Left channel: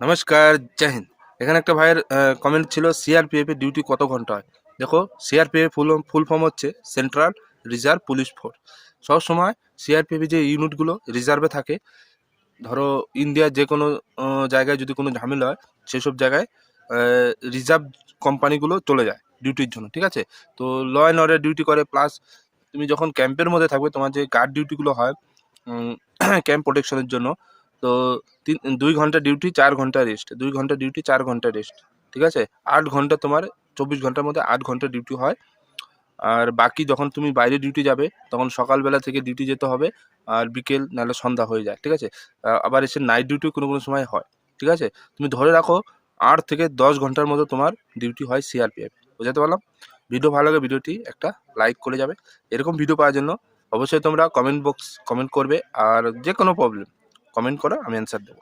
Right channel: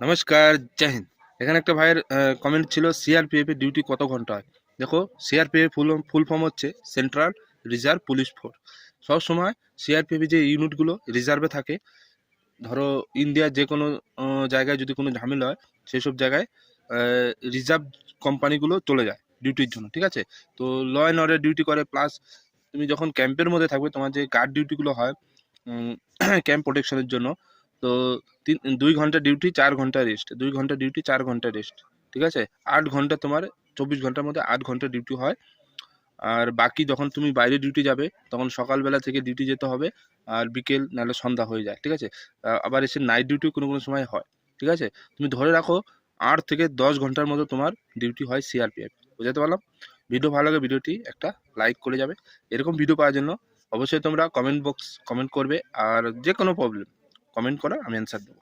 নমস্কার, জয় হিন্দ। এখানে একটা ভাইয়ের কমেন্ট ছিল, সিআরপিএফ এর ডিউটি কত ঘন্টা হয়? দেখো, সিআরপিএফ ফুল ফর্ম হচ্ছে সেন্ট্রাল রিজার্ভ পুলিশ ফোর্স। সবসময় সিআরপিএফ যে ইউনিটগুলো রিজার্ভে থাকে, ধরো ইন্ডিয়ার যে কোনো জায়গায় যদি কোনো ঝামেলা হয়, সেসব জায়গায় রিজার্ভ কোম্পানিগুলো চলে যায় ডিউটির জন্য, ঠিক আছে? তো ল অ্যান্ড অর্ডার ডিউটি করে, প্লাস তুমি যখন ক্যাম্পের মধ্যে থাকবে, তোমার যে গার্ড ডিউটিগুলো হয় ক্যাম্প প্রোটেকশনের জন্য, তো 2 ঘন্টা ডিউটি, 4 ঘন্টা রেস্ট, 2 ঘন্টা ডিউটি, 4 ঘন্টা রেস্ট, ঠিক আছে? 8 ঘন্টা তোমার, 24 ঘন্টার মধ্যে 8 ঘন্টা ডিউটি হয়। আর বাকি যখন তুমি বাইরে ডিউটি যাবে, তখন সকালবেলা থেকে ডিউটি যেতে হবে, আর বিকেল নাহলে সন্ধ্যা হয়ে যায়, ঠিক আছে? আবার এসে নাইট ডিউটিও কোনো কোনো সময় হয়, ঠিক আছে? তুমি ধরে রাখো 8 থেকে 10 ঘন্টার মতো তোমার ডিউটি হয় সিআরপিএফ। বুঝাতে পারলাম? ভিডিও ভালো লাগে, ভিডিওটি একটা লাইক করে যাবে। এরকম ভিডিও পাওয়ার জন্য অবশ্যই তোমরা কমেন্ট করবে, আর যে কোনো প্রবলেম কমেন্ট করো, আমি অ্যান্সার দেবো।